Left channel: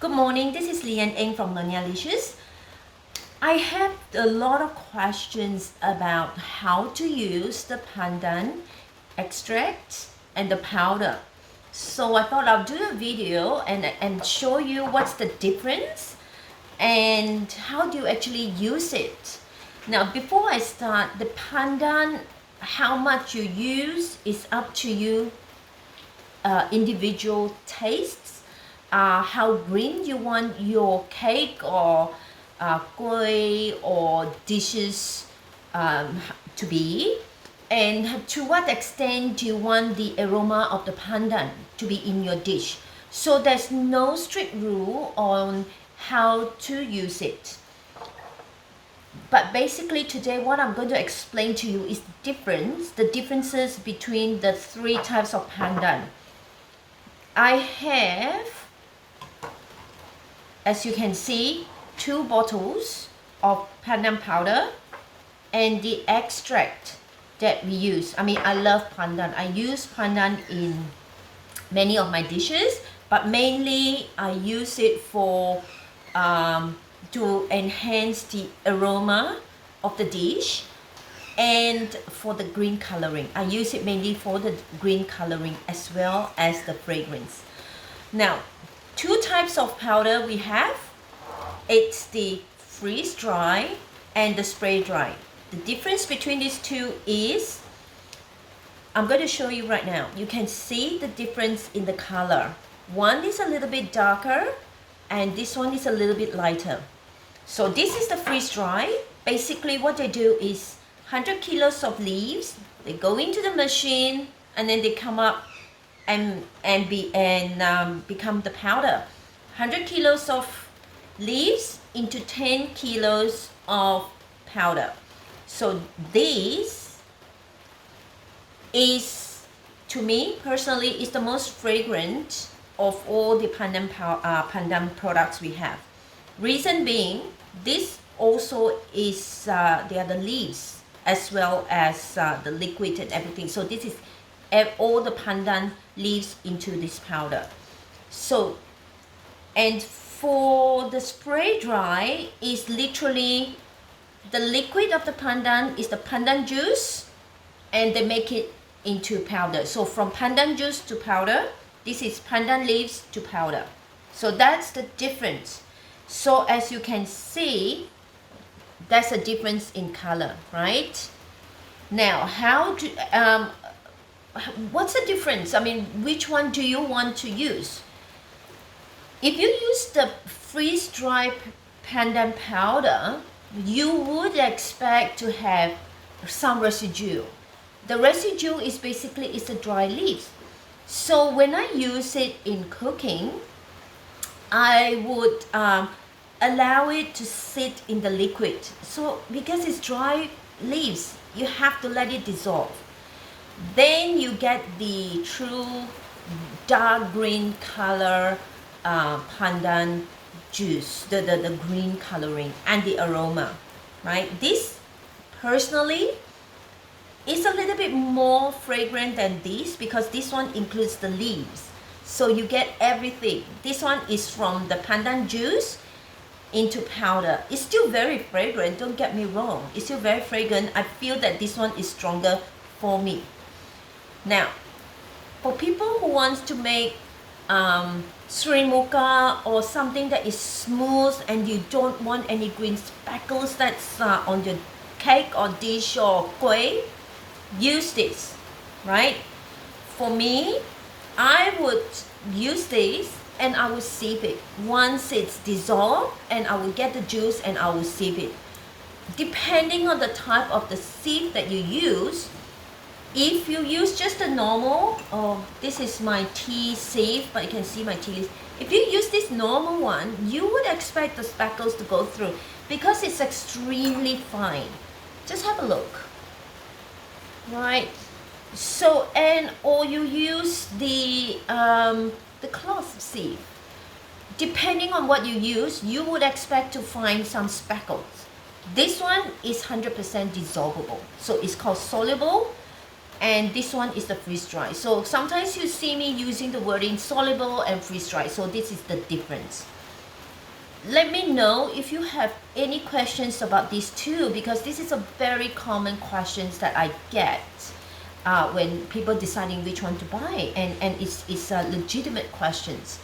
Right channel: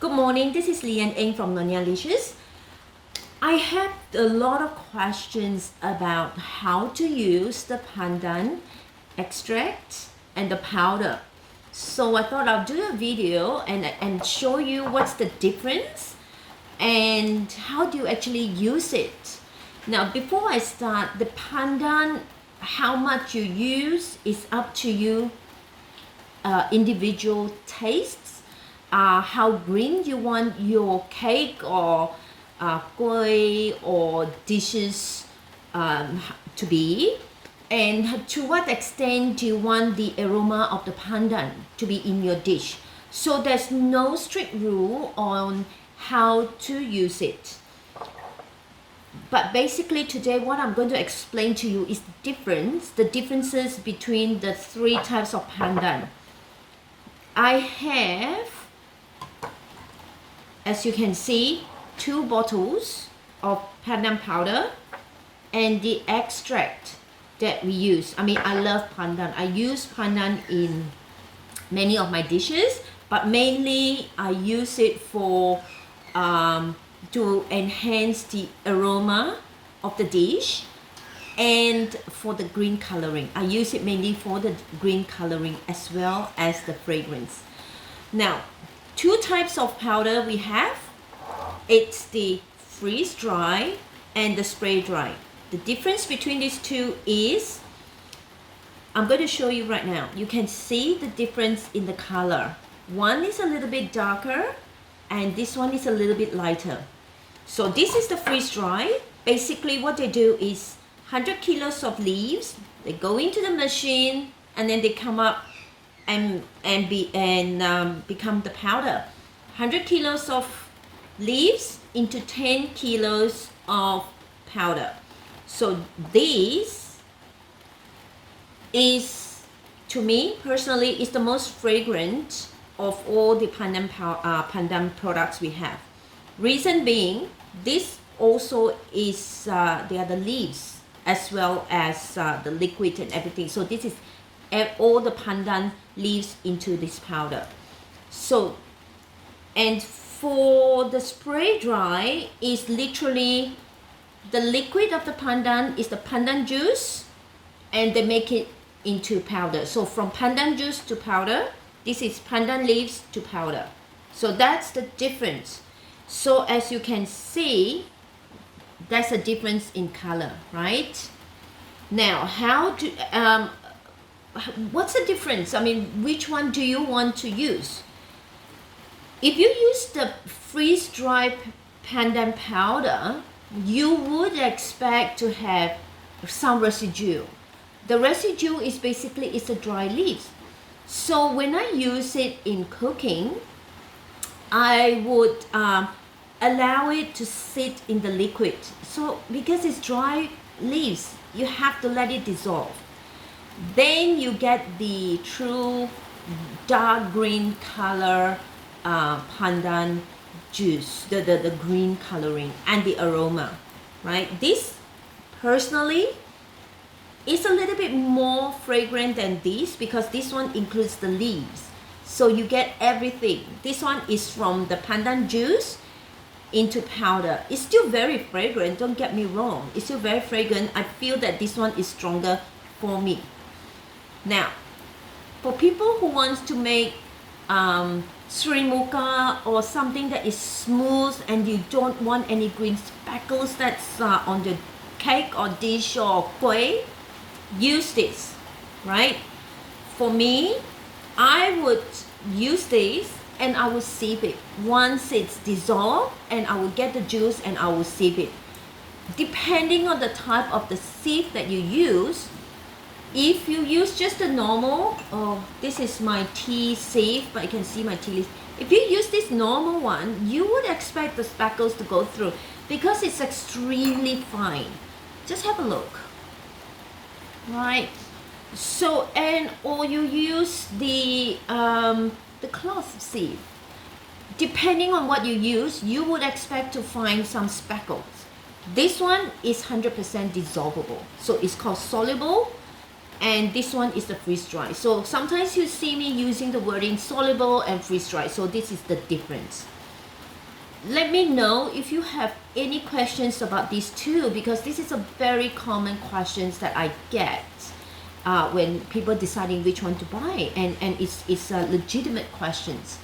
Good morning, this is Lian Eng from Nonya Licious. I have a lot of questions about how to use the pandan extract and the powder. So I thought I'll do a video and show you what's the difference and how do you actually use it. Now before I start, the pandan, how much you use is up to you, individual tastes. How green you want your cake or kueh or dishes to be, and to what extent do you want the aroma of the pandan to be in your dish. So there's no strict rule on how to use it. But basically today what I'm going to explain to you is the differences between the three types of pandan. I have, as you can see, 2 bottles of pandan powder and the extract that we use. I mean, I love pandan. I use pandan in many of my dishes, but mainly I use it for to enhance the aroma of the dish and for the green coloring. I use it mainly for the green coloring as well as the fragrance. Now, 2 types of powder we have. It's the freeze dry and the spray dry. The difference between these two is, I'm going to show you right now. You can see the difference in the color. One is a little bit darker and this one is a little bit lighter. So this is the freeze dry. Basically what they do is 100 kilos of leaves, they go into the machine and then they come up and become the powder. 100 kilos of leaves into 10 kilos of powder. So this is, to me personally, is the most fragrant of all the pandan products we have. Reason being, this also is they are the leaves as well as the liquid and everything. So this is all the pandan leaves into this powder. So, and for the spray dry is literally the liquid of the pandan is the pandan juice and they make it into powder. So from pandan juice to powder, this is pandan leaves to powder. So that's the difference. So as you can see, that's a difference in color, right? Now, how do what's the difference? I mean, which one do you want to use? If you use the freeze-dried pandan powder, you would expect to have some residue. The residue is basically the dry leaves. So when I use it in cooking, I would allow it to sit in the liquid. So because it's dry leaves, you have to let it dissolve. Then you get the true dark green color pandan juice, the green coloring and the aroma, right? This personally is a little bit more fragrant than this because this one includes the leaves. So you get everything. This one is from the pandan juice into powder. It's still very fragrant, don't get me wrong. It's still very fragrant. I feel that this one is stronger for me. Now, for people who wants to make srimuka or something that is smooth and you don't want any green speckles that's on your cake or dish or kueh, use this, right? For me, I would use this and I will sieve it. Once it's dissolved, and I will get the juice and I will sieve it. Depending on the type of the sieve that you use, if you use just the normal, this is my tea sieve, but you can see my tea leaves. If you use this normal one, you would expect the speckles to go through because it's extremely fine. Just have a look, right? So, or you use the cloth sieve. Depending on what you use, you would expect to find some speckles. This one is 100% dissolvable, so it's called soluble. And this one is the freeze dry. So sometimes you see me using the wording soluble and freeze dry. So this is the difference. let me know if you have any questions about these two, because this is a very common questions that I get when people deciding which one to buy, and it's legitimate questions.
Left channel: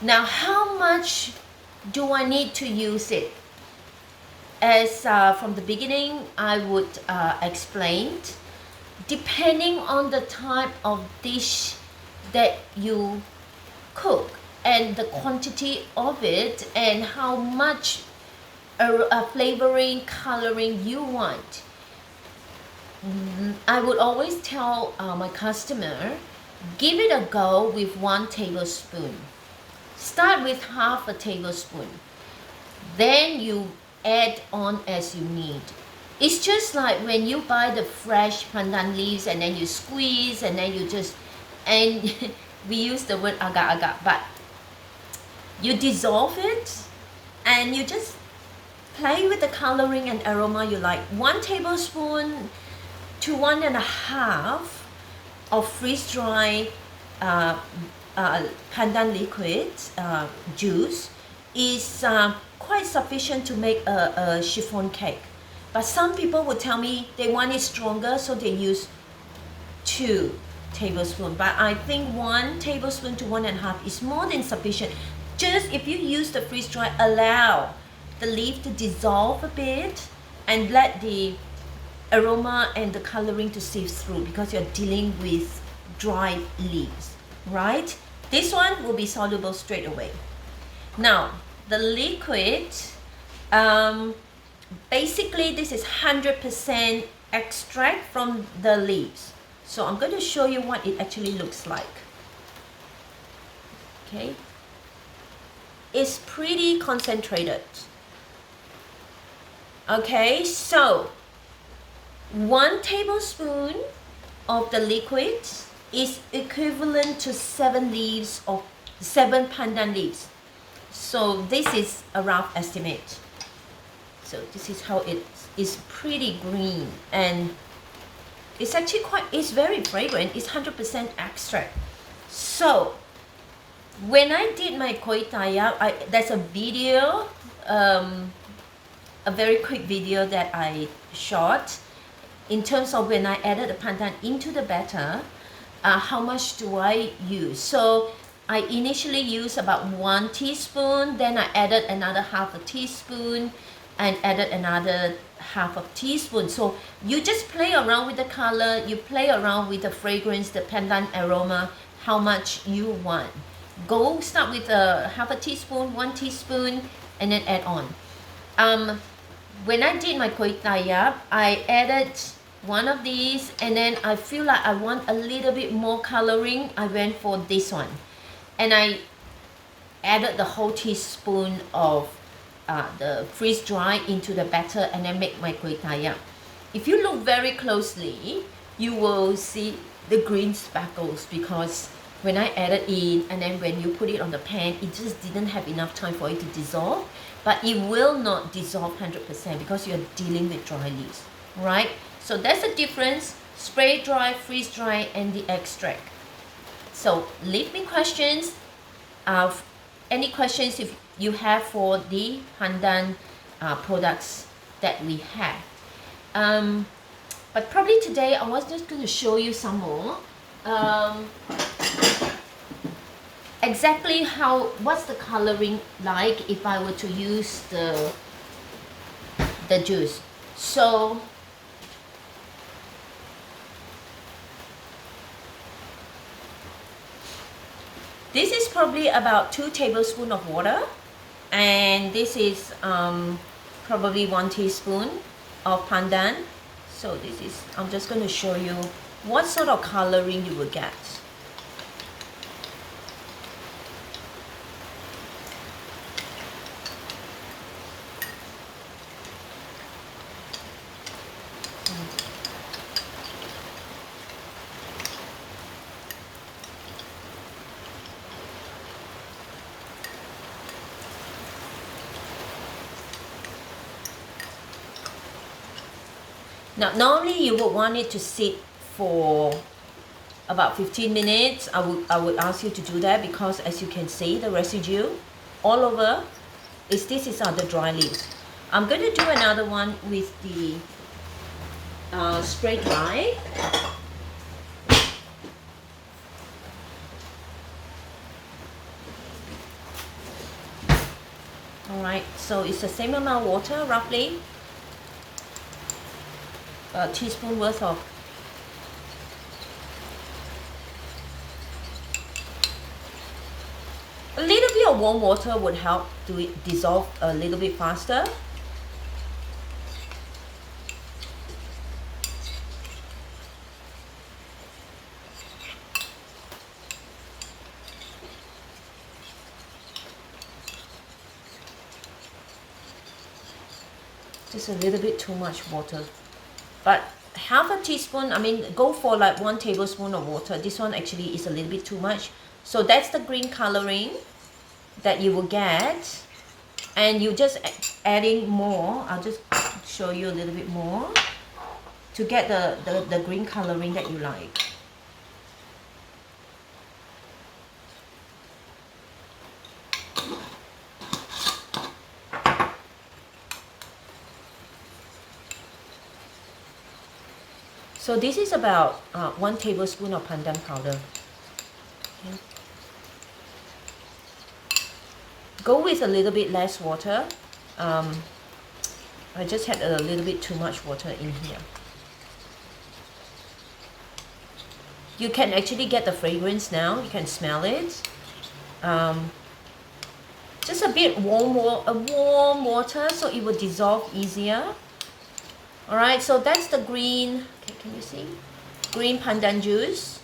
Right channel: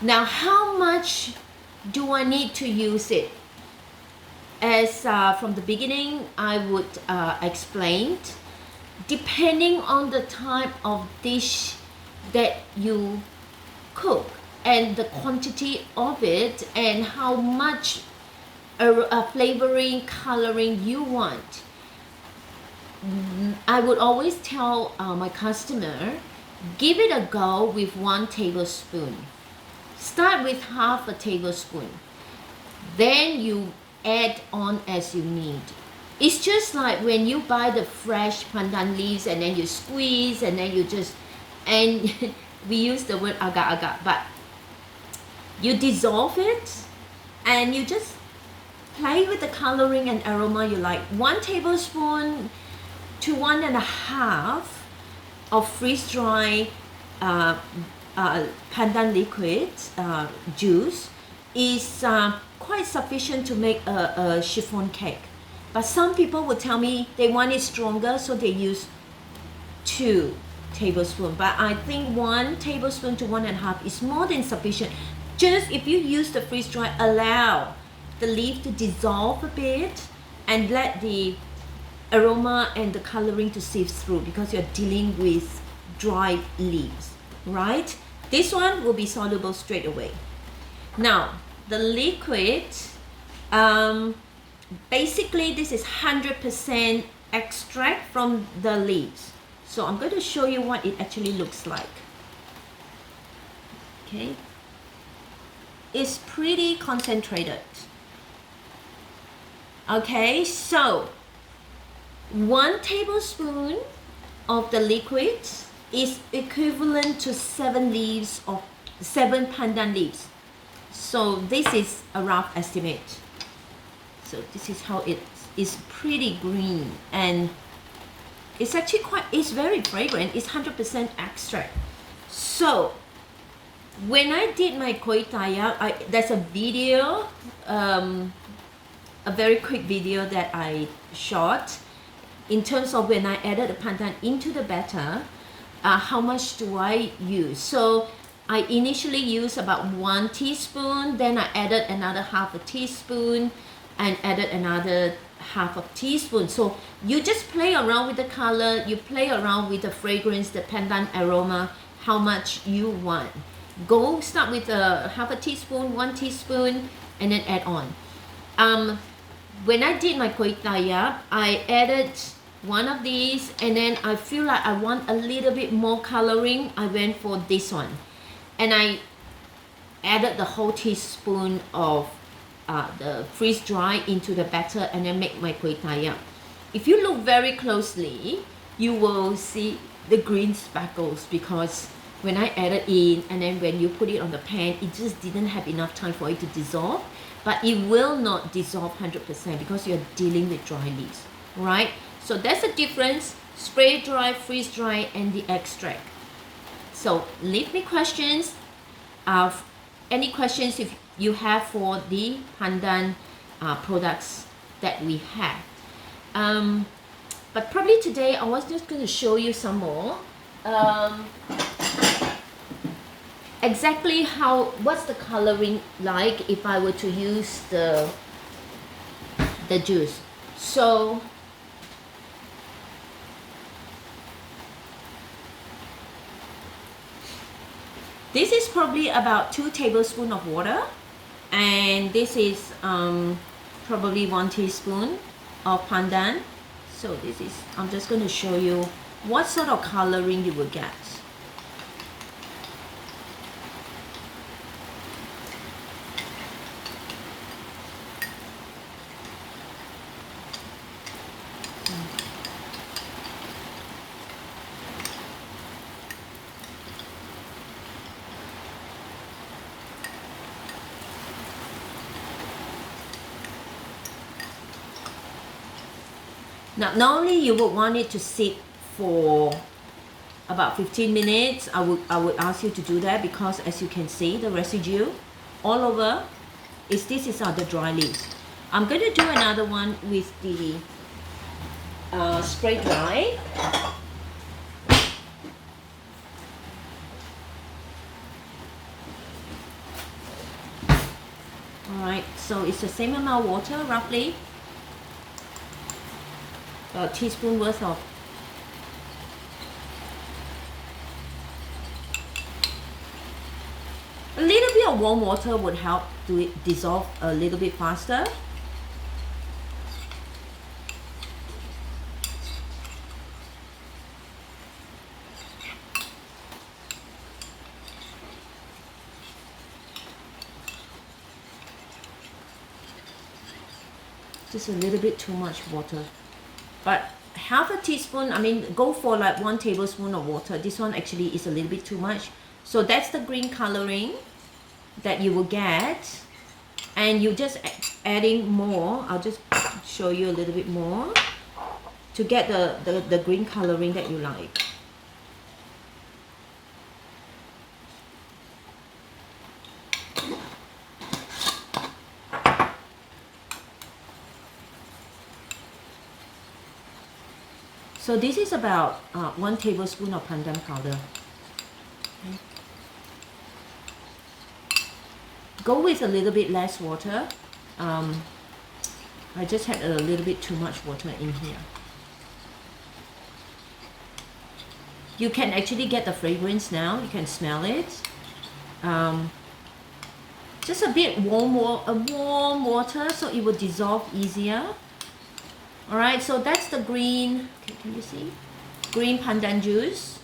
Now, how much do I need to use it? As from the beginning, I would explain, depending on the type of dish that you cook and the quantity of it and how much flavoring, coloring you want. I would always tell my customer, give it a go with 1 tablespoon. Start with half a tablespoon. Then you add on as you need. It's just like when you buy the fresh pandan leaves and then you squeeze and then you just, and we use the word agar-agar, but you dissolve it and you just play with the coloring and aroma you like. 1 tablespoon to 1.5 of freeze-dry pandan liquid juice is quite sufficient to make a chiffon cake. But some people will tell me they want it stronger, so they use 2 tablespoons. But I think 1 tablespoon to 1.5 is more than sufficient. Just if you use the freeze-dry, allow the leaf to dissolve a bit and let the aroma and the coloring to sieve through, because you're dealing with dry leaves, right? This one will be soluble straight away. Now, the liquid, basically this is 100% extract from the leaves. So I'm going to show you what it actually looks like. Okay. It's pretty concentrated. Okay, so 1 tablespoon of the liquid is equivalent to 7 leaves of 7 pandan leaves. So this is a rough estimate. So this is how it is, pretty green, and it's actually it's very fragrant. It's 100% extract. So when I did my koi taya, there's a video, a very quick video that I shot in terms of when I added the pandan into the batter, how much do I use? So I initially used about 1 teaspoon, then I added another half a teaspoon and added another half a teaspoon. So you just play around with the color, you play around with the fragrance, the pandan aroma, how much you want. Go start with a half a teaspoon, 1 teaspoon, and then add on. When I did my koi taya, I added 1 of these, and then I feel like I want a little bit more coloring. I went for this one, and I added the whole teaspoon of the freeze dry into the batter, and then make my koi taya. If you look very closely, you will see the green speckles, because when I added in and then when you put it on the pan, it just didn't have enough time for it to dissolve. But it will not dissolve 100% because you're dealing with dry leaves, right? So that's the difference: spray dry, freeze dry, and the extract. So leave me questions. Any questions if you have for the pandan products that we have. But probably today I was just going to show you some more. Exactly what's the coloring like if I were to use the juice. So this is probably about 2 tablespoons of water, and this is probably 1 teaspoon of pandan. So this is, I'm just going to show you what sort of coloring you will get. Now, normally you would want it to sit for about 15 minutes. I would ask you to do that, because as you can see, the residue all over This is the dry leaves. I'm going to do another one with the spray dry. Alright, so it's the same amount of water, roughly a teaspoon worth of. A little bit of warm water would help to it dissolve a little bit faster. Just a little bit too much water, but half a teaspoon, I mean, go for like 1 tablespoon of water. This one actually is a little bit too much. So that's the green coloring that you will get, and you just adding more. I'll just show you a little bit more to get the green coloring that you like. So this is about 1 tablespoon of pandan powder. Okay. Go with a little bit less water. I just had a little bit too much water in here. You can actually get the fragrance now. You can smell it. Just a bit warm water, so it will dissolve easier. Alright, so that's the green, can you see? Green pandan juice.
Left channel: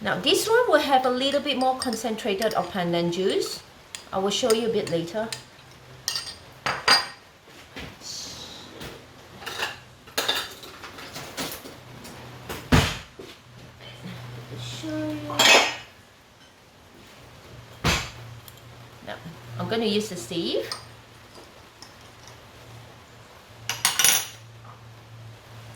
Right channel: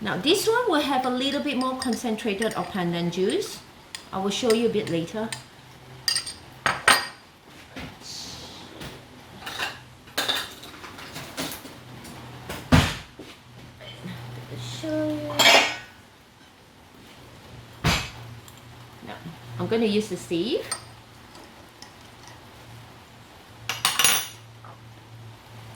Now this one will have a little bit more concentrated of pandan juice. I will show you a bit later. Now, I'm going to use the sieve.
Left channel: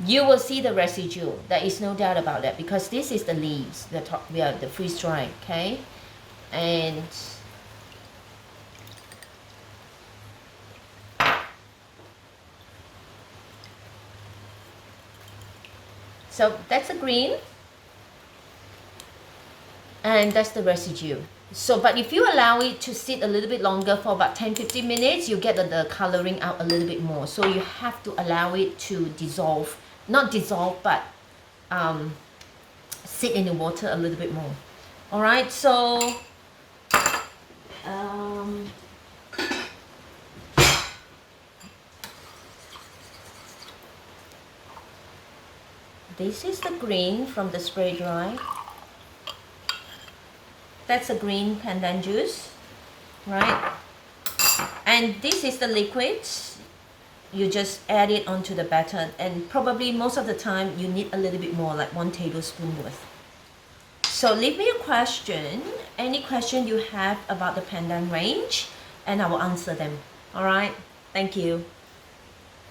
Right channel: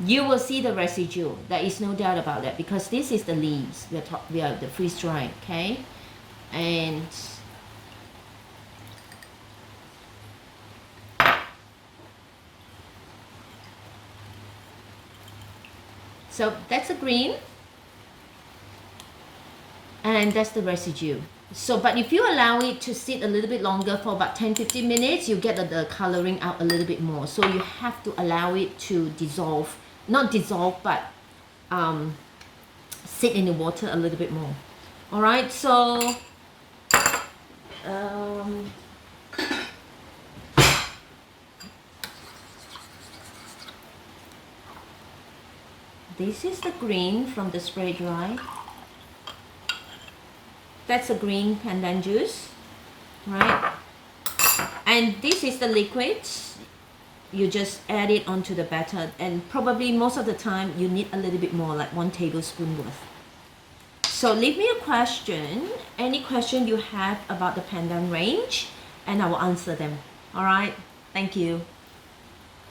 You will see the residue. There is no doubt about that, because this is the leaves. We are the freeze dried, okay? And so that's the green, and that's the residue. So, but if you allow it to sit a little bit longer, for about 10-15 minutes, you get the coloring out a little bit more. So you have to allow it to dissolve. Not dissolve, but sit in the water a little bit more. Alright, so this is the green from the spray dry. That's a green pandan juice, right? And this is the liquid. You just add it onto the batter, and probably most of the time you need a little bit more, like 1 tablespoon worth. So leave me a question, any question you have about the pandan range, and I will answer them. Alright, thank you.